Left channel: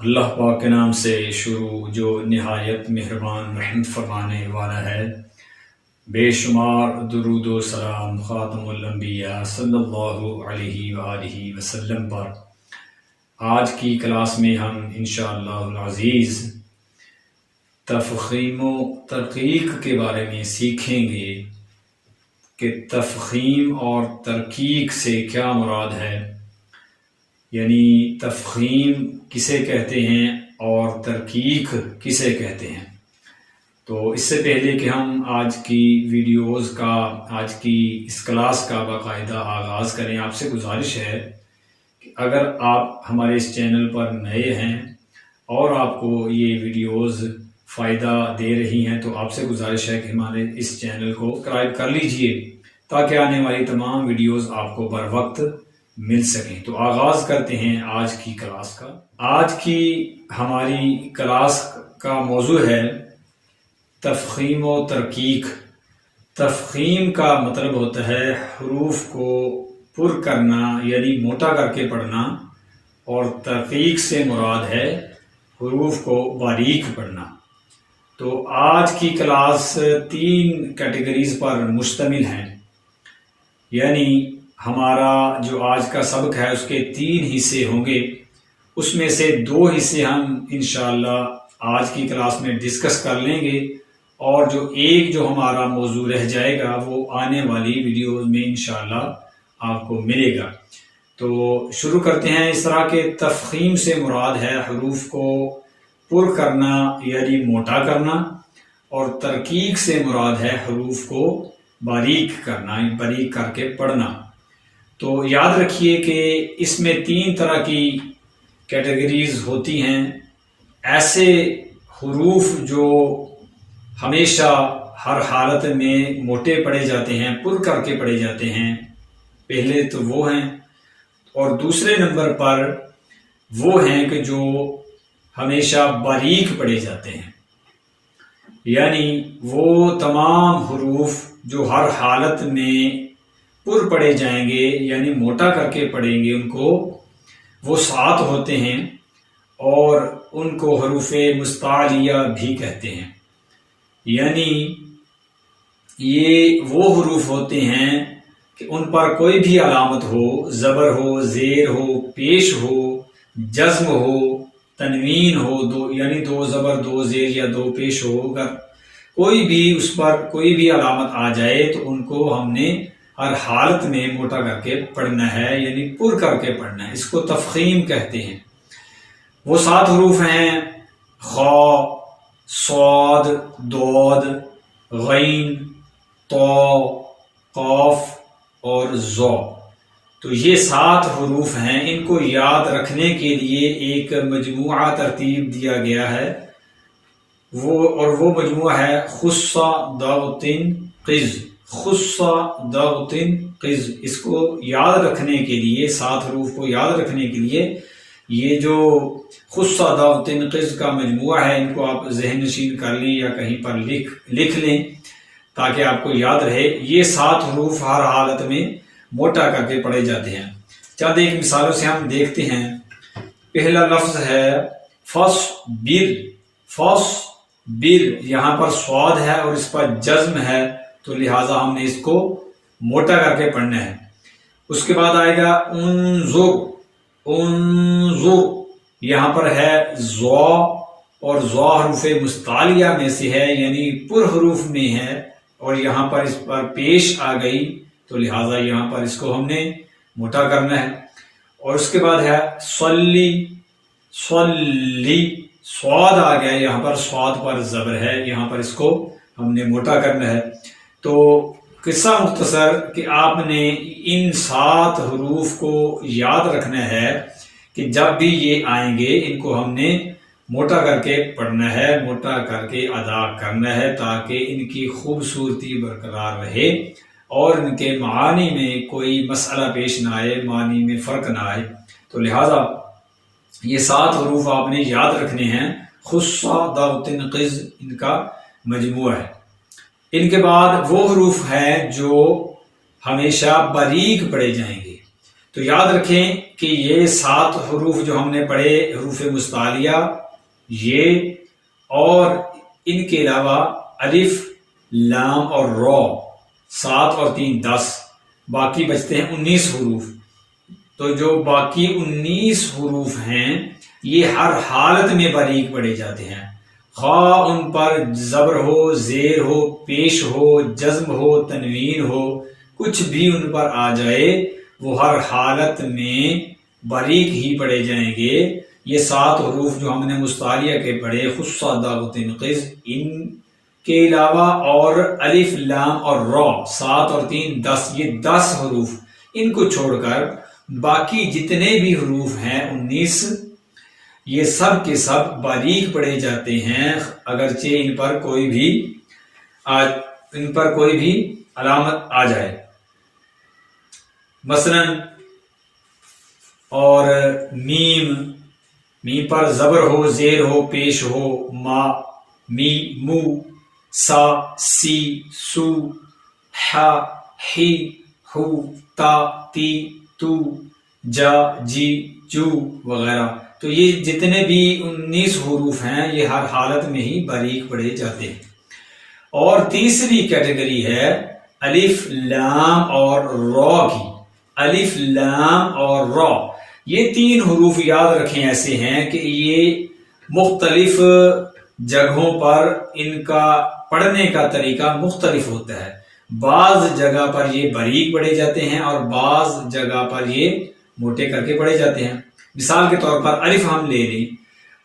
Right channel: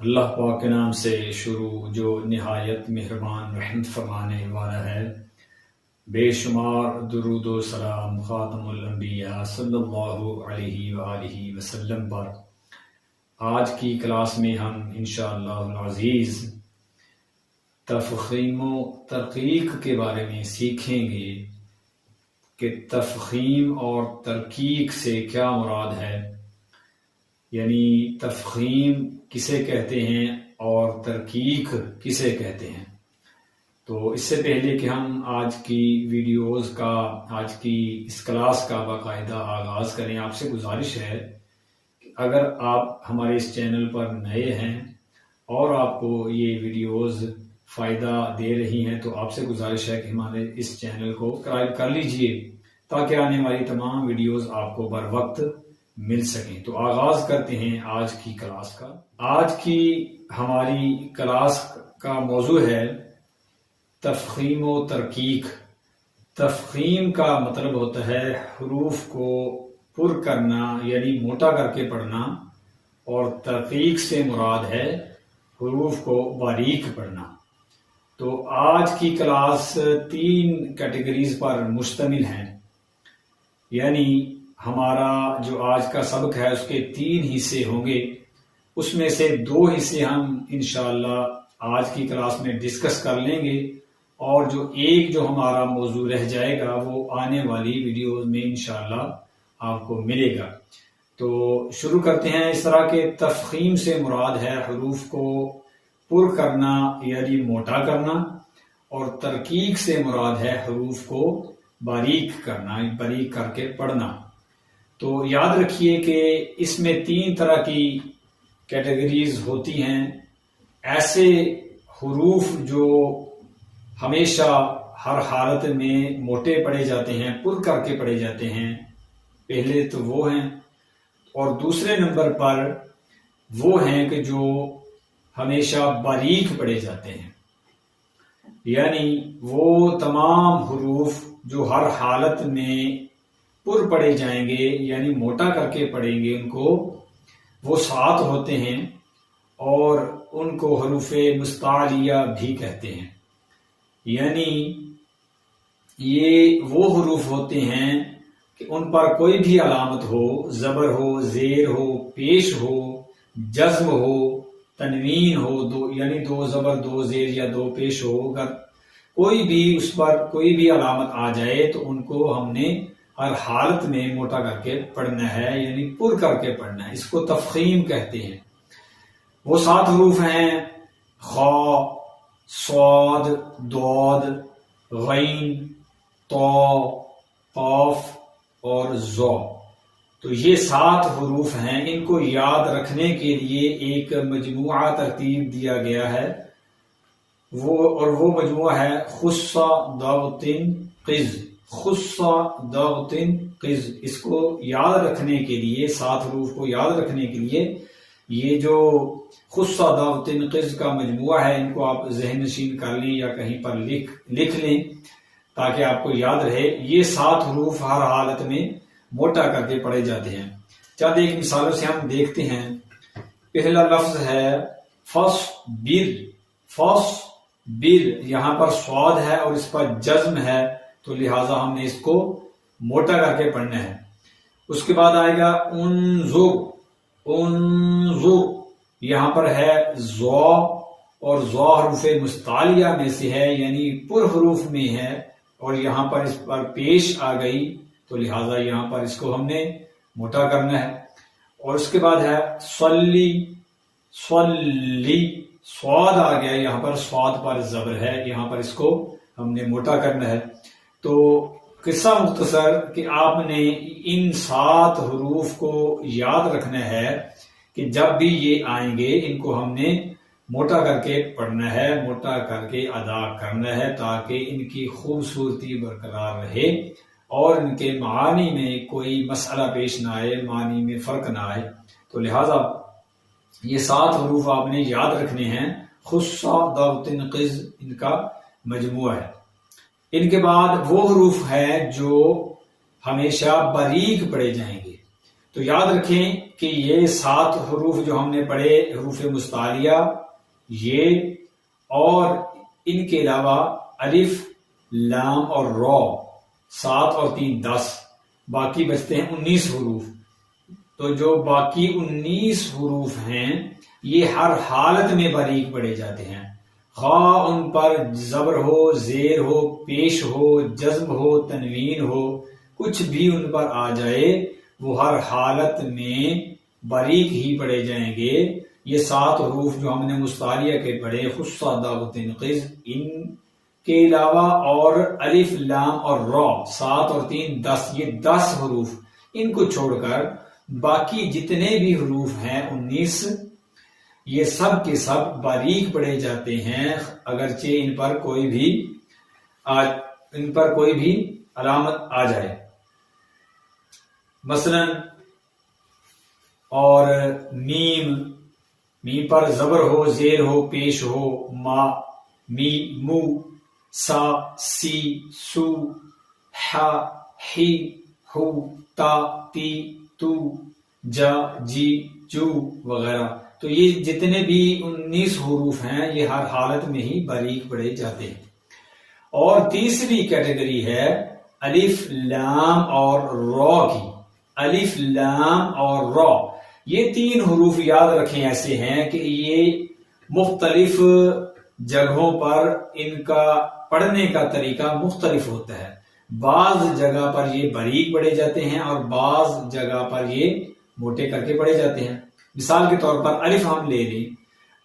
اللہ پاک کے نام سے شروع جو نہایت مہربان رحمت فرمانے والا ہے۔ بے شمار درود و سلام خاتم الانبیاء صلی اللہ علیہ وآلہ وسلم پر۔ آج کی کلاس میں ہم انشاءاللہ العزیز تفخیم و ترقیق کے بارے میں سیکھیں گے کہ تفخیم اور ترقیق سے کیا مراد ہے، یعنی تفخیم کسے کہتے ہیں اور ترقیق کسے کہتے ہیں۔ تو اس سے پہلے کہ ہم آج کی ویڈیوز کا، آج کی اس کلاس کا باقاعدہ آغاز کریں، آپ سے گزارش ہے کہ اگر آپ ہمارے اس چینل پر نئے ہیں اور آپ کو یہ ویڈیوز فائدہ دے رہی ہیں تو آپ سے گزارش ہے کہ ہمارے اس چینل کو سبسکرائب کر لیجئے تاکہ آنے والی تمام ویڈیوز آپ کو بر وقت مل سکیں۔ تو آغاز کرتے ہیں آج کی کلاس کا۔ آج کی ہماری کلاس کا موضوع ہے تفخیم و ترقیق۔ تفخیم کا مطلب ہوتا ہے حروف کو پر کرنا، یعنی موٹا کر کے پڑھنا، اور ترقیق سے مراد ہے حروف کو باریک پڑھنا۔ تو آج کی کلاس 3 کیٹیگریز پر مشتمل ہے، یعنی ہمارا جو آج کا سبق ہے اس کے 3 حصے ہوں گے، اس میں سے 2 حصے ہم انشاءاللہ آج کی کلاس میں ڈسکس کر لیں گے، اور جو ہمارا موضوع رہ جائے گا وہ آنے والی ویڈیوز میں انشاءاللہ آپ کو ملے گا۔ تو شروع کرتے ہیں۔ اس طرح کے تفخیم سے مراد ہے حروف کو پر کرنا یعنی موٹا کرنا، اور ترقیق سے مراد ہے حروف کو باریک کرنا، باریک کر کے پڑھنا۔ تو یاد رکھیے کہ اس میں 3 طرح کی کیٹیگریز ہوتی ہیں۔ ایسے حروف جو ہمیشہ ہر حالت میں موٹے پڑھے جاتے ہیں، پر کر کے پڑھے جاتے ہیں، پہلے تو وہ ہیں، اور دوسرے نمبر پر وہ ہیں کہ جو ہمیشہ باریک پڑھے جاتے ہیں، یعنی وہ تمام حروف جو ہر حالت میں پر پڑھے جائیں گے، یعنی موٹا کر کے پڑھیں گے، ان کو وہ 7 ہوتے ہیں، اور ان کو حروف مستعلیہ بھی کہتے ہیں۔ یعنی یہ وہ حروف ہوتے ہیں کہ ان پر کوئی بھی علامت ہو، زبر ہو، زیر ہو، پیش ہو، جزم ہو، تنوین ہو، یعنی 2 زبر 2 زیر یا 2 پیش ہو، اگر کوئی بھی اس پر کوئی بھی علامت آ جائے تو ان کو ہم نے ہر حالت میں موٹا کر کے پڑھنا ہے، یعنی پر کر کے پڑھنا ہے۔ اس کو تفخیم کہتے ہیں۔ وہ 7 حروف ہیں: خ، صاد، ضاد، غین، طا، قاف اور ظا۔ تو یہ 7 حروف ہیں۔ ان کو یاد رکھنے کے لیے ایک مجموعہ ترتیب دیا گیا ہے، وہ مجموعہ ہے خص ضغط قز۔ خص ضغط قز، اس کو یاد رکھنے کے لیے، 7 حروف کو یاد رکھنے کے لیے یہ جو خص ضغط قز کا مجموعہ ہے، ان کو آپ ذہن نشین کر لیں یا کہیں پر لکھ لیں تاکہ آپ کو یاد رہے۔ یہ 7 حروف ہر حالت میں موٹا کر کے پڑھے جاتے ہیں۔ چند ایک مثالوں سے ہم دیکھتے ہیں۔ پہلا لفظ ہے فصبر۔ فصبر، یہاں پر صاد ہے اور اس پر جزم ہے، تو لہٰذا ہم نے اس کو موٹا کر کے پڑھنا ہے۔ اس کے بعد آئے گا انظر۔ انظر، یہاں پر ہے ضا، اور ضا حروف مستعلیہ میں سے ہے، یعنی پر حروف میں ہے، اور یہاں پر اس پر پیش آ گئی تو لہٰذا یہاں پر اس کو ہم نے موٹا کرنا ہے۔ اور اس کے بعد ہے صلی۔ صلی، صاد آ گیا، یہاں پر صاد پر زبر ہے، یہاں پر اس کو ہم نے موٹا کرنا ہے۔ تو قصہ مختصر کہ آپ نے ان 7 حروف کو یاد رکھنا ہے کہ جب بھی یہ آئیں گے ان کو ہم نے موٹا کر کے پڑھنا ہے، موٹا کر کے ادا کرنا ہے، تاکہ ان کی خوبصورتی برقرار رہے اور ان کے معانی میں کوئی مسئلہ پیش نہ آئے، معانی میں فرق نہ آئے۔ تو لہٰذا یہ 7 حروف آپ نے یاد رکھنے ہیں۔ خص ضغط قز ان کا مجموعہ ہے۔ ان کے بعد وہ حروف ہیں جو ہمیشہ باریک پڑھے جائیں گے۔ تو یاد رکھیں کہ یہ 7 حروف جو ہم نے پڑھے حروف مستعلیہ، یہ اور ان کے علاوہ الف، لام اور را، 7 اور 3 10، باقی بچتے ہیں 19 حروف۔ تو جو باقی 19 حروف ہیں یہ ہر حالت میں باریک پڑھے جاتے ہیں، خواہ ان پر زبر ہو، زیر ہو، پیش ہو، جزم ہو، تنوین ہو، کچھ بھی ان پر آ جائے وہ ہر حالت میں باریک ہی پڑھے جائیں گے۔ یہ 7 حروف جو ہم نے مستعلیہ کے پڑھے، خص ضاد قز، ان کے علاوہ اور الف، لام اور را، 7 اور 3 10، یہ 10 حروف، ان کو چھوڑ کر باقی جتنے بھی حروف ہیں 19، یہ سب کے سب باریک پڑھے جاتے ہیں، اگرچہ ان پر کوئی بھی علامت آ جائے۔ مثلا اور میم پر زبر ہو، زیر ہو، پیش ہو، ما، می، مو، سا، سی، سو، ح، حی، ہو، تا، تی، تو، جا، جی، جو وغیرہ، تو یہ جتنے بھی 19 حروف ہیں یہ ہر حالت میں ہی باریک پڑھے جاتے ہیں۔ اور تیسری کیٹیگری ہے الف، لام اور را کی۔ الف، لام اور را، یہ 3 حروف یاد رکھیں ایسے ہیں کہ یہ مختلف جگہوں پر ان کا پڑھنے کا طریقہ مختلف ہوتا ہے، بعض جگہ پر یہ باریک پڑھے جاتے ہیں اور بعض جگہ پر یہ موٹے کر کے پڑھے جاتے ہیں۔ مثال کے طور پر الف ہم لے لیں،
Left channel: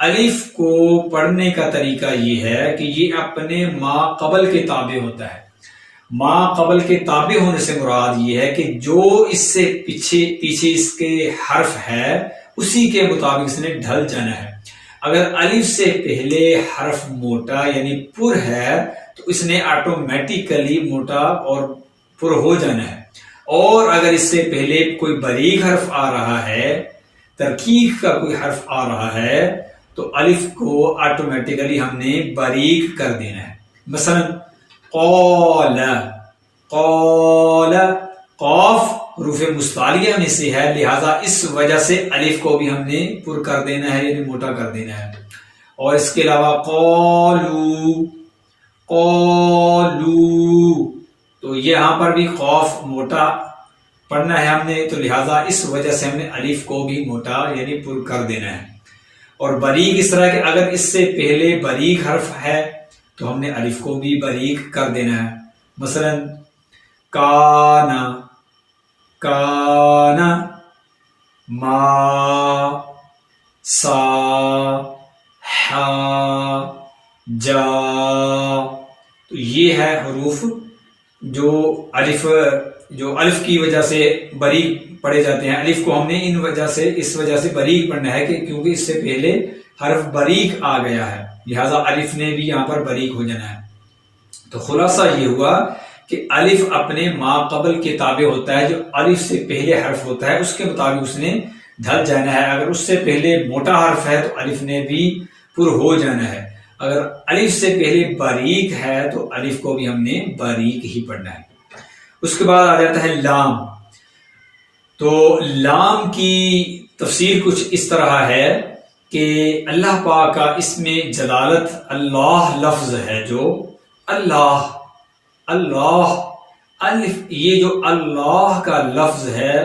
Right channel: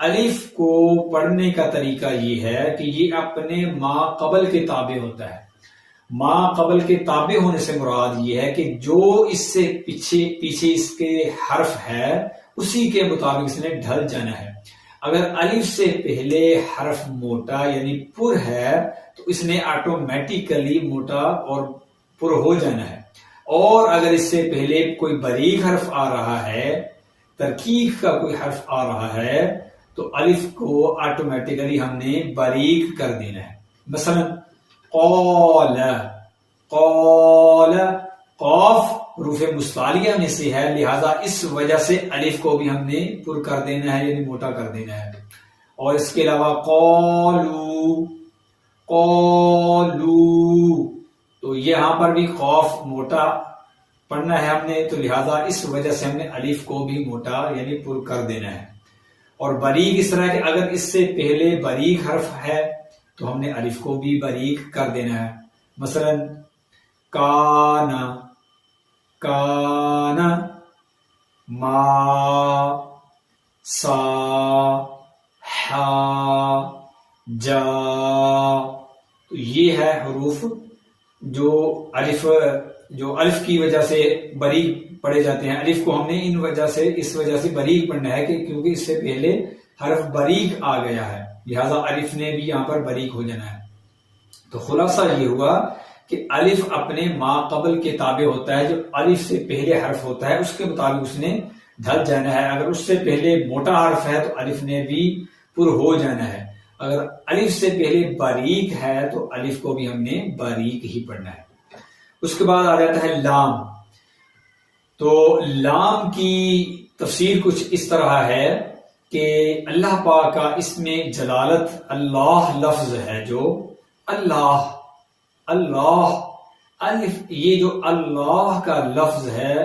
الف کو پڑھنے کا طریقہ یہ ہے کہ یہ اپنے ما قبل کے تابع ہوتا ہے۔ ما قبل کے تابع ہونے سے مراد یہ ہے کہ جو اس سے پیچھے اس کے حرف ہے اسی کے مطابق اس نے ڈھل جانا ہے۔ اگر الف سے پہلے حرف موٹا یعنی پر ہے تو اس نے آٹومیٹیکلی موٹا اور پر ہو جانا ہے، اور اگر اس سے پہلے کوئی باریک حرف آ رہا ہے، ترکیب کا کوئی حرف آ رہا ہے، تو الف کو آٹومیٹیکلی ہم نے باریک کر دینا ہے۔ مثلا قال، قاف حروف مستعلیہ میں سے ہے، لہذا اس وجہ سے الف کو بھی ہم نے پر کر دینا ہے یعنی موٹا کر دینا ہے۔ اور اس کے علاوہ قالو، تو یہاں پر بھی قاف موٹا پڑھنا ہے ہم نے، تو لہٰذا اس وجہ سے ہم نے الف کو بھی موٹا یعنی پر کر دینا ہے۔ اور باریک اس طرح کہ اگر اس سے پہلے باریک حرف ہے تو ہم نے الف کو بھی باریک کر دینا ہے۔ مثلا کانا، ما، سا، ہا، جا، تو یہ ہے حروف جو الف کی وجہ سے باریک پڑھے جاتے ہیں۔ الف کو ہم نے اس وجہ سے باریک پڑھنا ہے کہ کیونکہ اس سے پہلے حرف باریک آ گیا ہے، لہذا الف نے بھی یہاں پر باریک ہو جانا ہے۔ تو خلاصہ یہ ہوا کہ الف اپنے ما قبل کے تابع ہوتا ہے، جو الف سے پہلے حرف ہوتا ہے اس کے مطابق اس نے ڈھل جانا ہے۔ اگر اس سے پہلے موٹا حرف ہے تو الف نے بھی پر ہو جانا ہے، اگر الف سے پہلے باریک ہے تو الف کو بھی ہم نے باریک ہی پڑھنا ہے۔ اس کے بعد آ جاتا ہے لام۔ تو لام کی تفسیر کچھ اس طرح ہے کہ اللہ پاک کا اسم جلالت اللہ لفظ ہے، جو اللہ الف، یہ جو اللہ کا لفظ ہے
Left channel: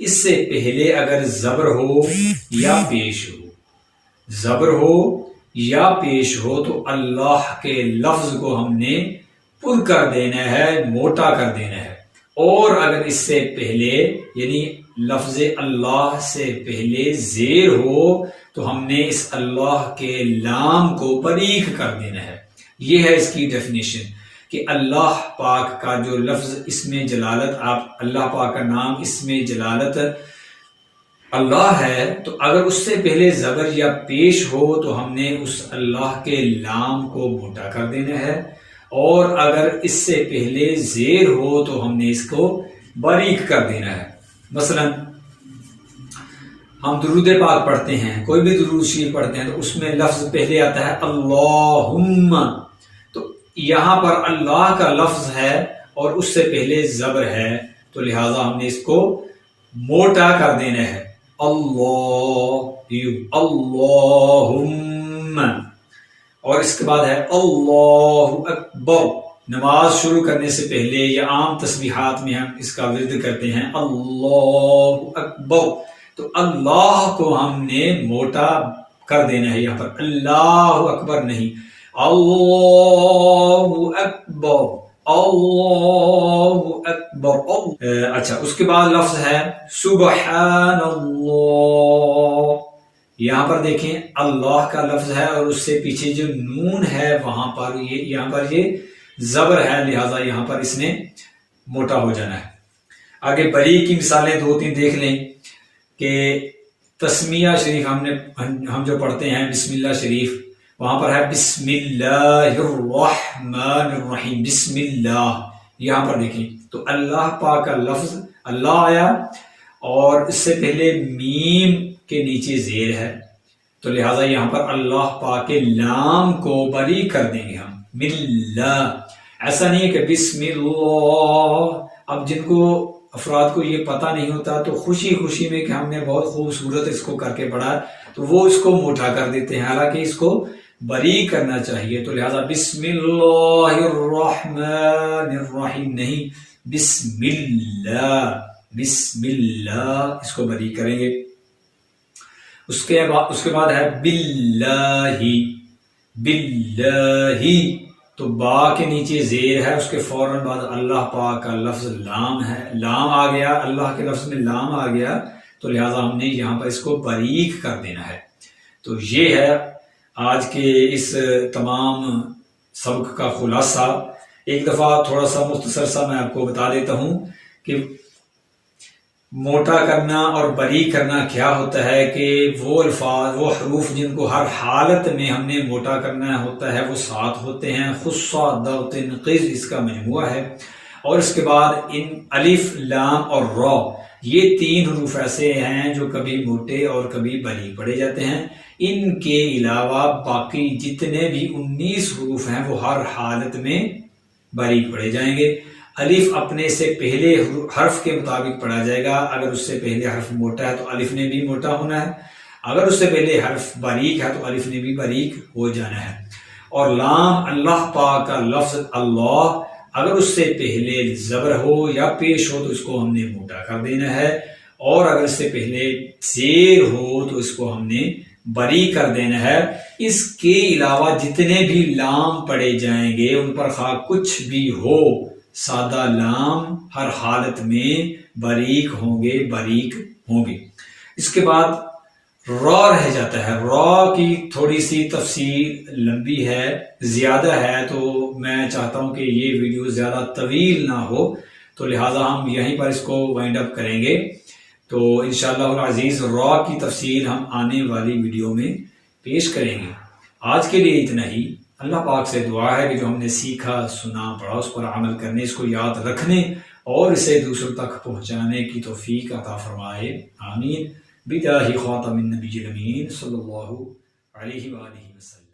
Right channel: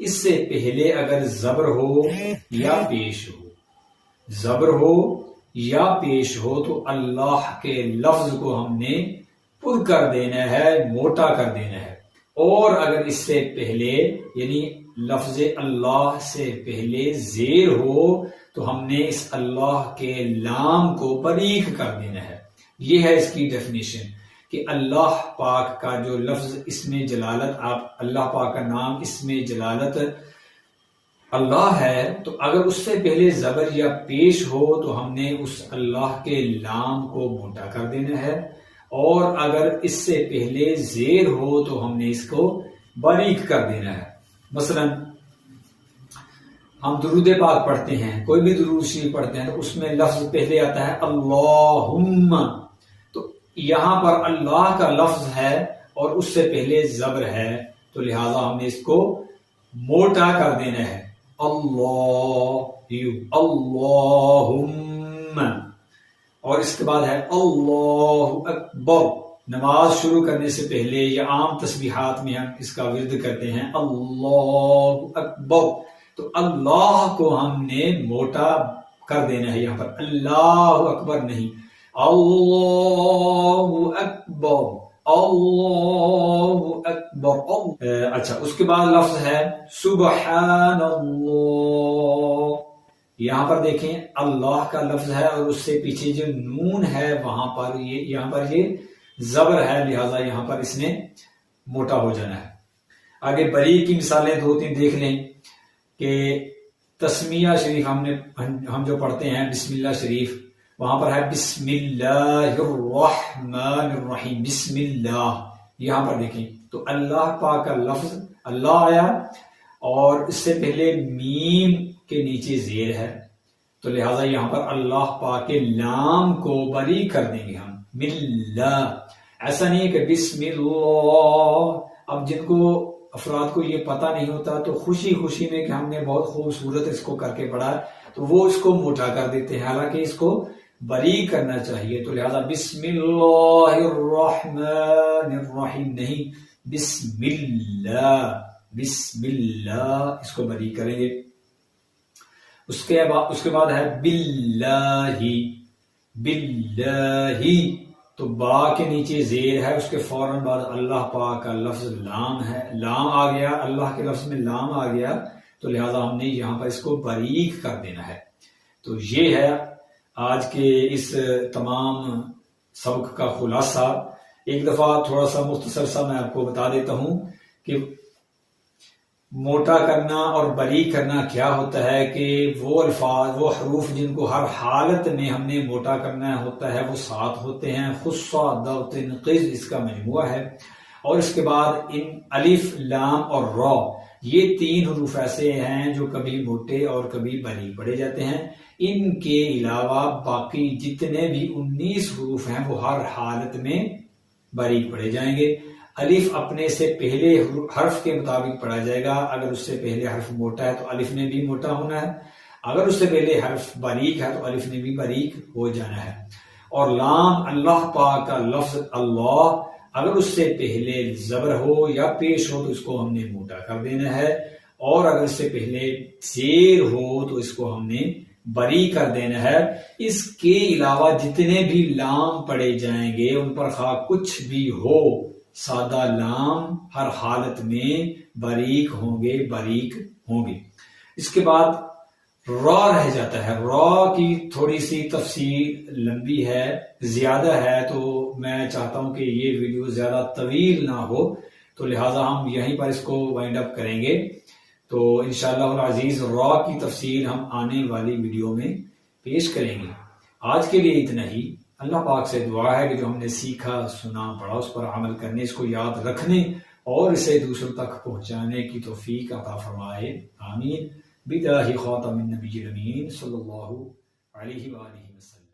اس سے پہلے اگر زبر ہو یا پیش ہو، زبر ہو یا پیش ہو تو اللہ کے لفظ کو ہم نے پر کر دینا ہے، موٹا کر دینا ہے۔ اور اگر اس سے پہلے یعنی لفظ اللہ سے پہلے زیر ہو تو ہم نے اس اللہ کے لام کو باریک کر دینا ہے۔ یہ ہے اس کی ڈیفینیشن کہ اللہ پاک کا جو لفظ اسم جلالت، آپ اللہ پاک کا نام اسم جلالت اللہ ہے، تو اگر اس سے پہلے زبر یا پیش ہو تو ہم نے اس اللہ کے لام کو موٹا کر دینا ہے، اور اگر اس سے پہلے زیر ہو تو ہم نے اس کو باریک کر دینا ہے۔ مثلا ہم درود پاک پڑھتے ہیں، کوئی بھی درود شریف پڑھتے ہیں تو اس میں لفظ پہلے آتا ہے اللہم، تو یہاں پر اللہ کا لفظ ہے اور اس سے پہلے زبر ہے، تو لہٰذا ہم نے اس کو موٹا کر دینا ہے، اللہم، اور اس کے بعد ہے اللہ اکبر۔ نماز شروع کرنے سے پہلے یا عام تسبیحات میں ہم اس کا ورد کرتے ہیں اللہ اکبر، تو اللہ کو ہم نے موٹا کر دینا ہے، یہاں پر اللہ اکبر نہیں، اللہ اکبر، اللہ اکبر۔ اچھا، اس کے بعد لفظ ہے سبحان اللہ، یہاں پر دیکھیں اللہ کا لفظ ہے اور اس سے پیچھے جو نون ہے وہاں پر یہاں پر یہ زبر ہے، لہذا یہاں پر اس نے موٹا ہو جانا ہے۔ آگے بری کی مثالیں 2-3 دیکھ لیں کہ تسمیہ شریف ہم جو پڑھتے ہیں بسم اللہ شریف، وہاں پر ہے بسم اللہ الرحمن الرحیم، بسم اللہ، یہاں پر دیکھیں تو اللہ پاک کا لفظ اللہ آیا اور اس سے پہلے میم کے نیچے زیر ہے، تو لہٰذا یہاں پر اللہ پاک کے لام کو بری کر دیں گے ہم، ملہ۔ ایسا نہیں ہے کہ بسم اللہ، اب جن کو افراد کو یہ پتہ نہیں ہوتا تو خوشی خوشی میں کہ ہم نے بہت خوبصورت اس کو کر کے پڑھا تو وہ اس کو موٹا کر دیتے ہیں، حالانکہ اس کو بری کرنا چاہیے، تو لہٰذا بسم اللہ الرحمن الرحیم نہیں، بسم اللہ، بسم اللہ، اس کو بری کریں گے۔ اس کے بعد ہے باللہ، باللہ، تو با کے نیچے زیر ہے، اس کے فوراً بعد اللہ پاک کا لفظ لام ہے، لام آ گیا، اللہ کے لفظ میں لام آ گیا، تو لہٰذا ہم نے یہاں پر اس کو باریک کر دینا ہے۔ تو یہ ہے آج کے اس تمام سبق کا خلاصہ۔ ایک دفعہ تھوڑا سا مختصر سا میں آپ کو بتا دیتا ہوں کہ موٹا کرنا اور بری کرنا کیا ہوتا ہے، کہ وہ الفاظ، وہ حروف جن کو ہر حالت میں ہم نے موٹا کرنا ہوتا ہے وہ 7 ہوتے ہیں، خصہ، ضغط، قز اس کا مجموعہ ہے، اور اس کے بعد ان الف، لام اور را، یہ 3 حروف ایسے ہیں جو کبھی موٹے اور کبھی بری پڑے جاتے ہیں۔ ان کے علاوہ باقی جتنے بھی 19 حروف ہیں وہ ہر حالت میں باریک پڑھے جائیں گے۔ الف اپنے سے پہلے حرف کے مطابق پڑھا جائے گا، اگر اس سے پہلے حرف موٹا ہے تو الف نے بھی موٹا ہونا ہے، اگر اس سے پہلے حرف باریک ہے تو الف نے بھی باریک ہو جانا ہے۔ اور لام، اللہ پاک کا لفظ اللہ، اگر اس سے پہلے زبر ہو یا پیش ہو تو اس کو ہم نے موٹا کر دینا ہے، اور اگر اس سے پہلے زیر ہو تو اس کو ہم نے بری کر دینا ہے۔ اس کے علاوہ جتنے بھی لام پڑے جائیں گے ان پر خواہ کچھ بھی ہو، سادہ لام ہر حالت میں باریک ہوں گے، باریک ہوں گے۔ اس کے بعد را رہ جاتا ہے، را کی تھوڑی سی تفصیل لمبی ہے، زیادہ ہے، تو میں چاہتا ہوں کہ یہ ویڈیو زیادہ طویل نہ ہو، تو لہٰذا ہم یہیں پر اس کو وائنڈ اپ کریں گے۔ تو انشاءاللہ العزیز را کی تفصیل ہم آنے والی ویڈیو میں پیش کریں گے۔ آج کے لیے اتنا ہی۔ اللہ پاک سے دعا ہے کہ جو ہم نے سیکھا، سنا، پڑھا، اس پر عمل کرنے، اس کو یاد رکھنے اور اسے دوسروں تک پہنچانے کی توفیق عطا فرمائے، آمین، بجاہ خاتم النبی الامین صلی اللہ علیہ وآلہ وسلم۔